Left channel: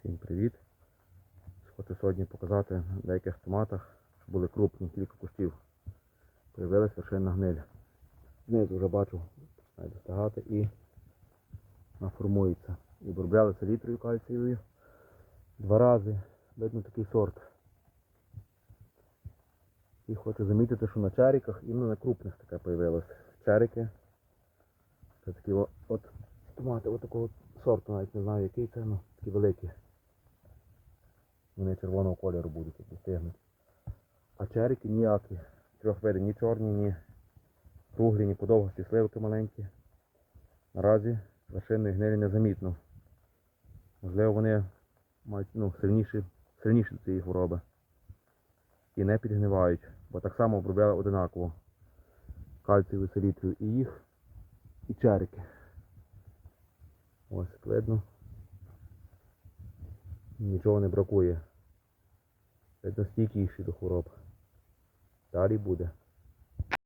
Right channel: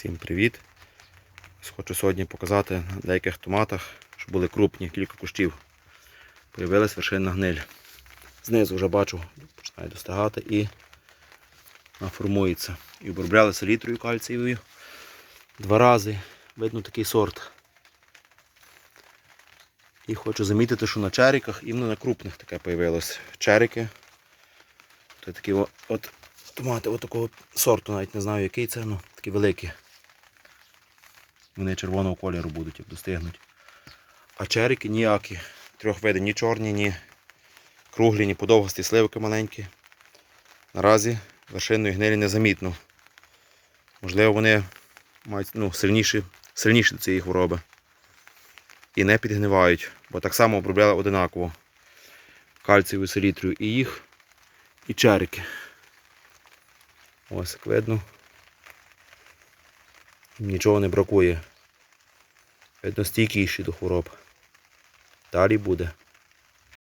Всім привіт! Хочу сьогодні показати на деяких томатах, що були крупні, кілька кущів. Появилась вершинна гниль. Знизу вже бачу, починає достигати і формується. І обробляли селітрою кальцієвою. Два рази. Видно такий сорт. І хочу замітити, що на черіках, іменно на крупних таке появилось. Черики. Це такі о- от томати от такого сорту, навіть не знаю який це, ну такі великі. Вони червоного кольору будуть, як достигнуть. А черики ніякі. Трьох видів, ні чорні, ні круглі, ні подовгості, сливки маленькі. Наразі вершинної гнилі незамітно. Можливо, вони мають ну, сильніші, сильніші до цієї хвороби. І не підгнивають, бо так само обробляли одинаково кальцієвою селітрою і їх, і черики. Ось як видно. Нічого не бракує. Видно стійкіші до хвороб. Далі буде.